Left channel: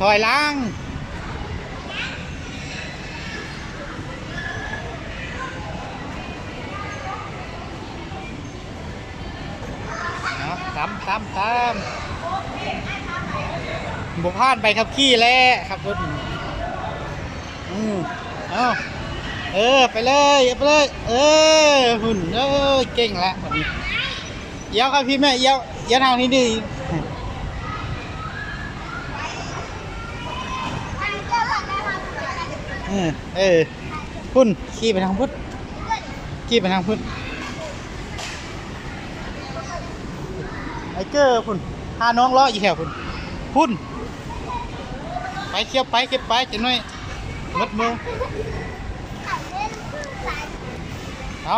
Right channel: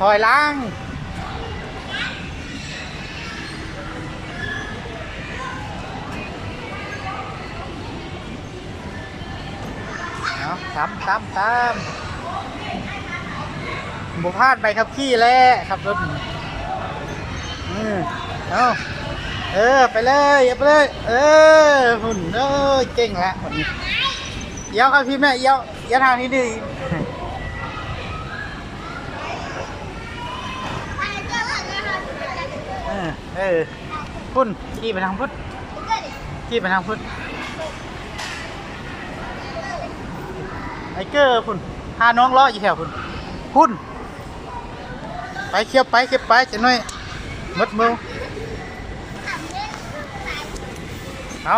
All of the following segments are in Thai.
ถอยหล้างเนาะตามบุพลาดไปครับขี้แล้วครับรถเอาไปเลยไปเลยหุ่นเก่งแล้ววันนี้เย้าครับพี่แม่เย้าทางนี้ดีพุ่นขี่ไปทางพุทธขี่ไปทางพุทธไอเกอร์พุ่นพาน้องล้ออยู่แถวพุ่นไปเคี้ยวไปจะหน่อยมัดมือเอา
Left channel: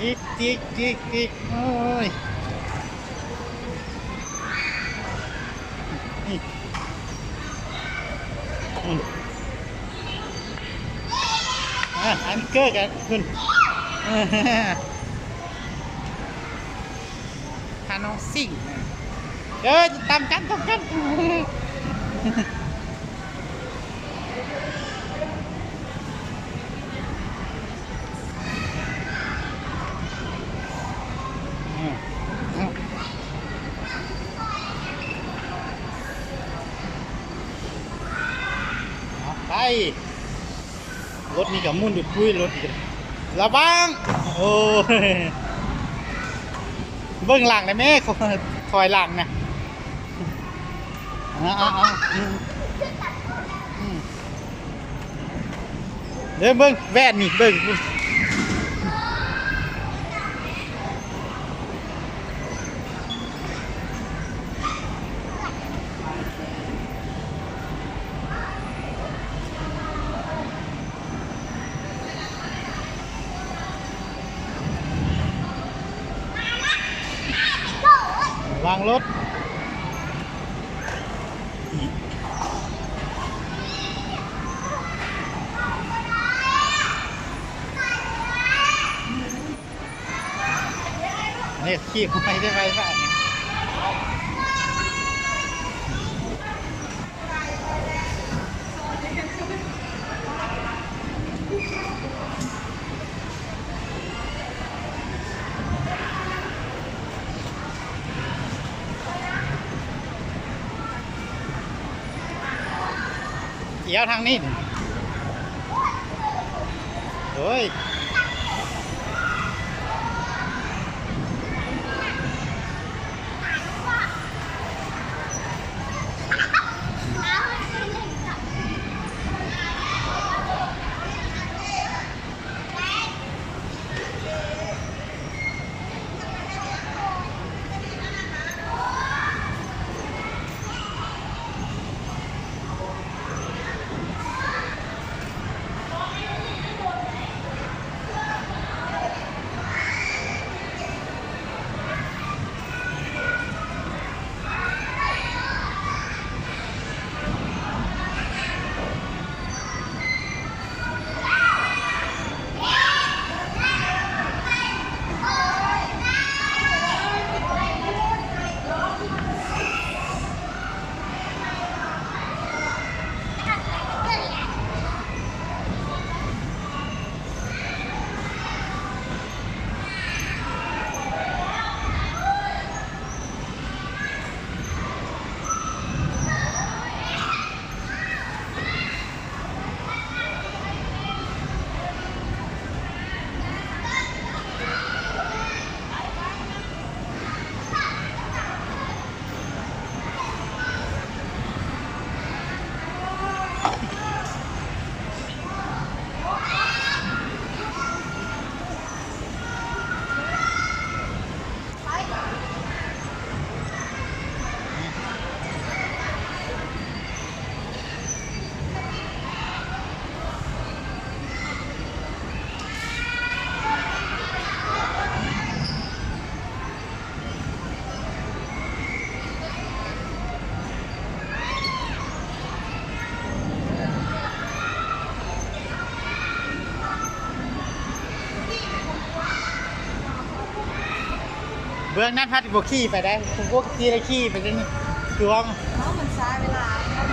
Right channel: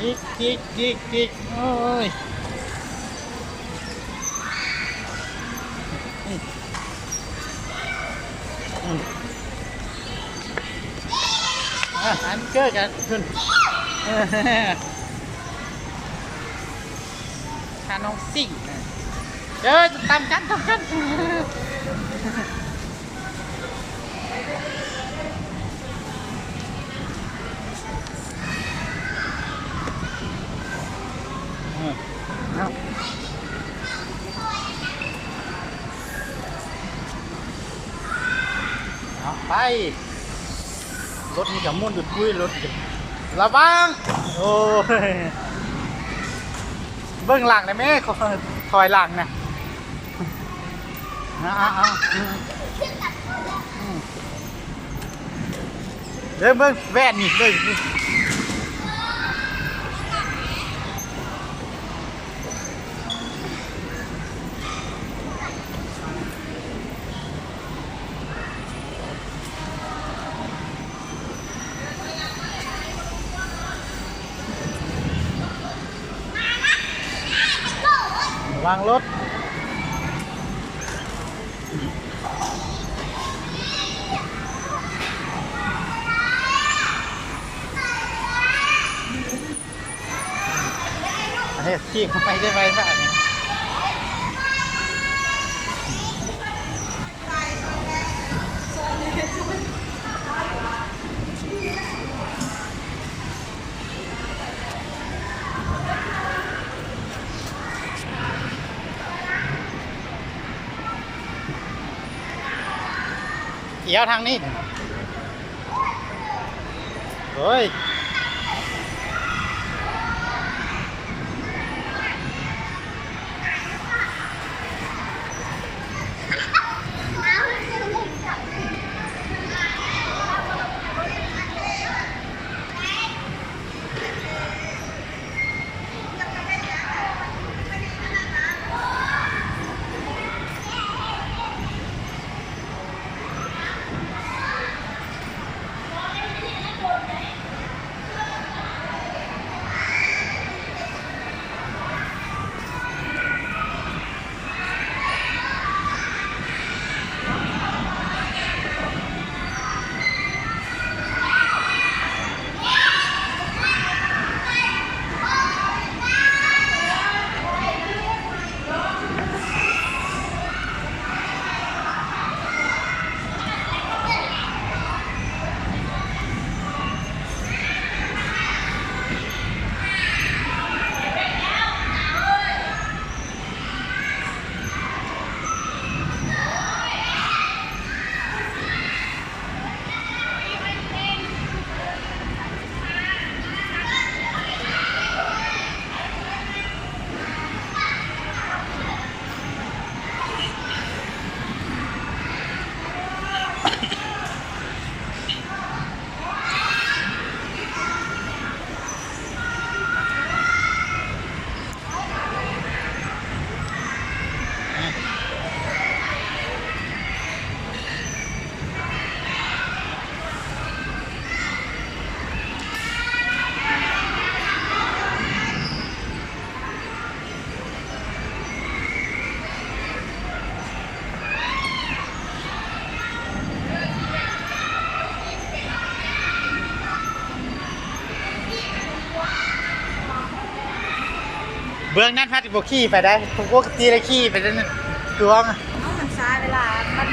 อีกโอ้ยอันเกอร์กันคุณพาน้องซิ่งตามกันเอาไป รถนี่กับมุ่นดุดคุยรถกันระวังโอ้ยเบื้องหลังนะแม่ถอยหลังนะเดินเบื้องแว่นนี่เดินวางรถอันนี้ขี่ไม่ได้ไปป่ะนี่เกี่ยวทางนี้เฮ้ย เบื้องนั้นพัดบ่ขี่ไปได้ผมปกติได้ขี่ไปนั่นคือว่า เนาะมันช้าเวลามัน